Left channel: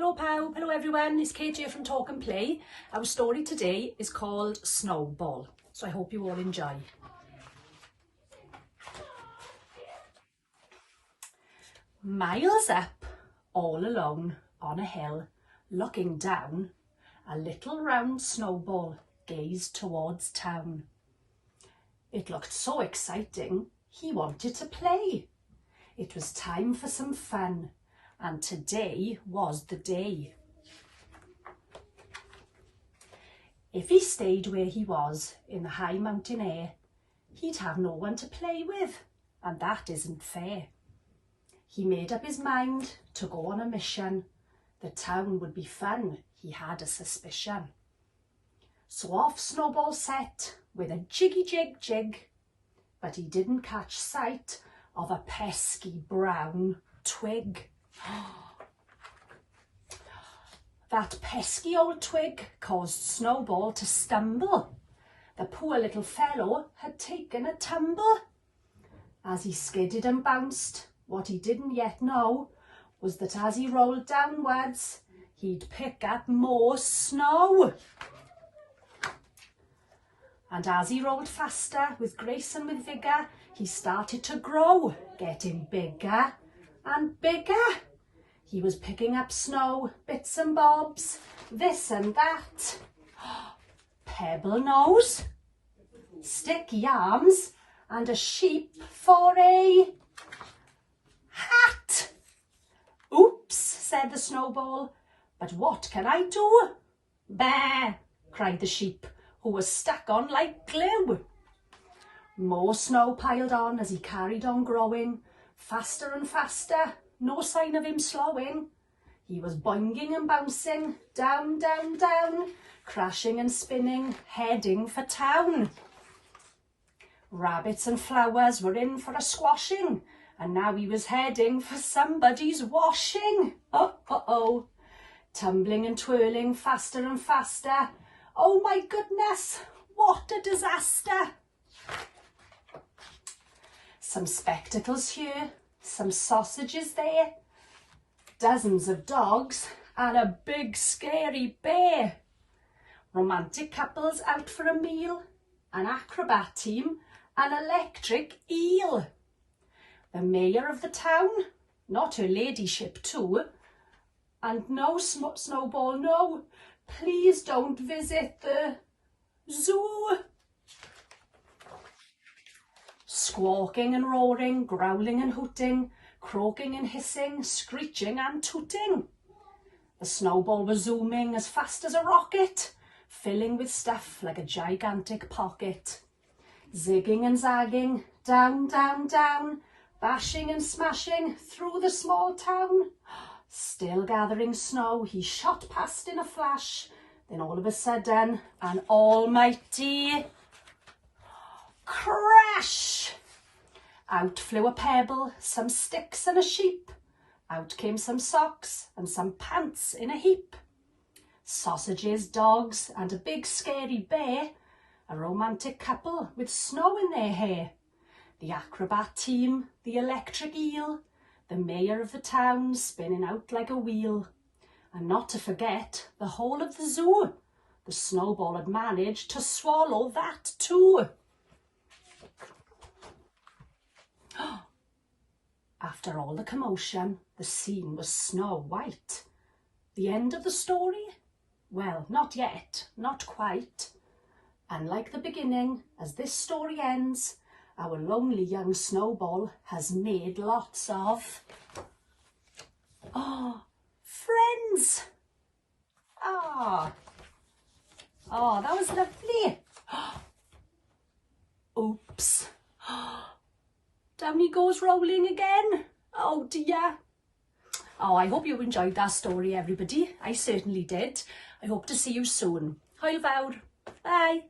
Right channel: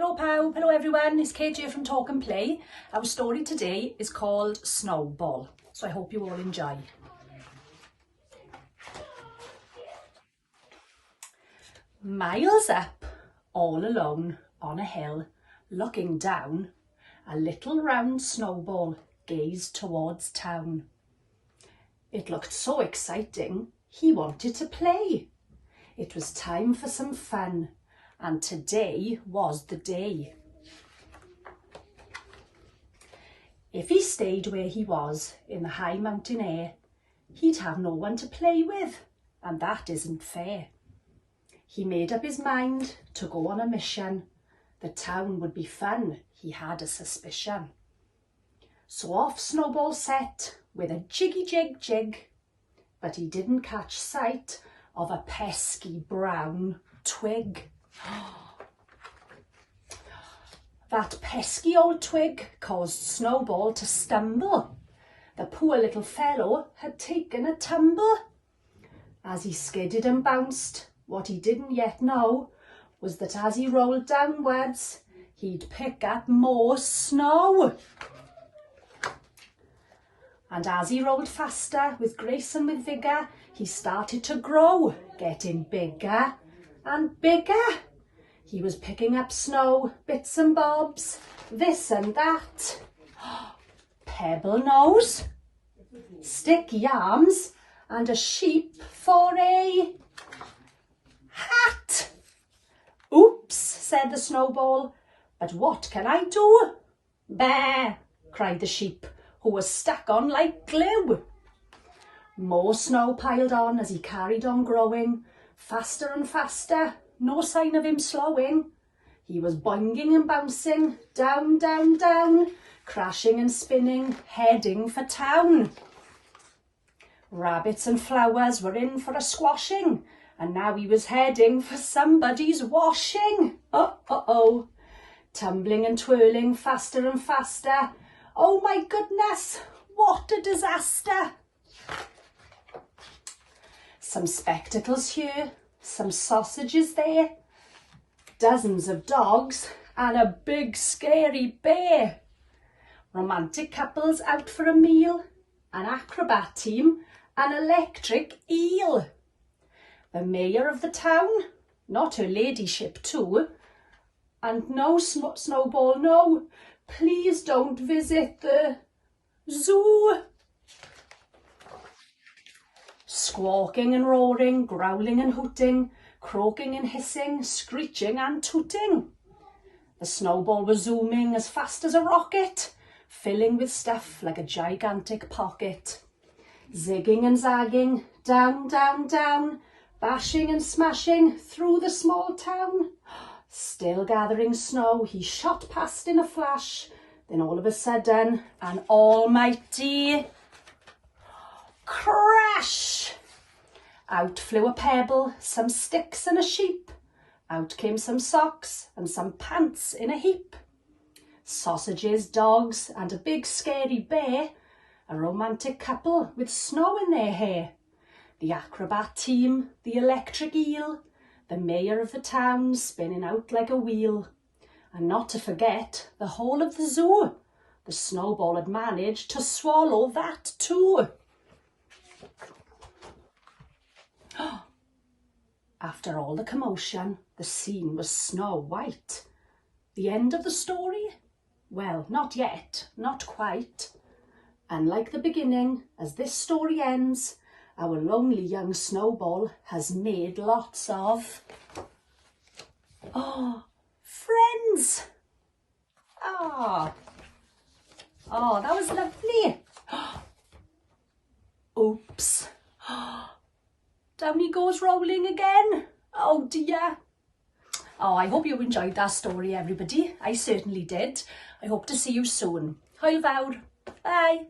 Hello Pau, hello everyone, it's Kate here from Talk and Play. Our story today is called Snowball, so I hope you all enjoy. Miles up, all alone on a hill, looking down, a little round snowball gazed towards town. It looked so exciting, he wanted to play. It was time for some fun, and today was the day. If he stayed where he was in the high mountain air, he'd have no one to play with, and that isn't fair. He made up his mind to go on a mission. The town would be fun, he had a suspicion. So off Snowball set with a jiggy jig jig, but he didn't catch sight of a pesky brown twig. That pesky old twig caused Snowball to stumble. The poor little fellow had taken a tumble. As he skidded and bounced, what he didn't yet know was that as he rolled downwards, he'd pick up more snow. And as he rolled faster, with grace and with vigour, he started to grow, getting bigger and bigger. He was picking up snow, bits and bobs, this and that. Pebble nose, sticky arms, and a sheep for a hat. Oops, said the Snowball, but what can I do? Bah, cried the sheep, who was stuck on like glue. More snow piled on as he carried on growing, faster and faster, no sign of him slowing. He was boinging and bouncing, down, down, down, crashing and spinning, heading for town. Rabbits and flowers were in for a squashing, and now he was heading for somebody's washing. Oh, tumbling and twirling faster and faster. Oh my goodness, what a disaster. Some spectacles here, some sausages there, dozens of dogs and a big scary bear. Romantic couples out for a meal, an acrobat team, an electric eel. The mayor of the town, not her ladyship too, and no, Snowball, no, please don't visit the zoo. Squawking and roaring, growling and hooting, croaking and hissing, screeching and tooting. The Snowball was zooming as fast as a rocket, filling with stuff like a gigantic pocket. Zigging and zagging, down, down, down, bashing and smashing through the small town. Still gathering snow, he shot past in a flash. Then all of a sudden, an almighty crash! Out flew a pebble, some sticks and a sheep. Out came some socks and some pants in a heap. Sausages, dogs and a big scary bear. A romantic couple with snow in their hair. The acrobat team, the electric eel. The mayor of the town spinning out like a wheel. And not to forget the whole of the zoo. The Snowball had managed to swallow that too. After all the commotion, the scene was snow white. The end of the story? Well, not yet, not quite. Unlike the beginning, as this story ends, our lonely young Snowball has made lots of friends. That was lovely. Oops. Down he goes rolling again. Oh dear. I hope you enjoyed that story, everybody. I certainly did. I hope to see you soon. Hwyl fawr. Bye.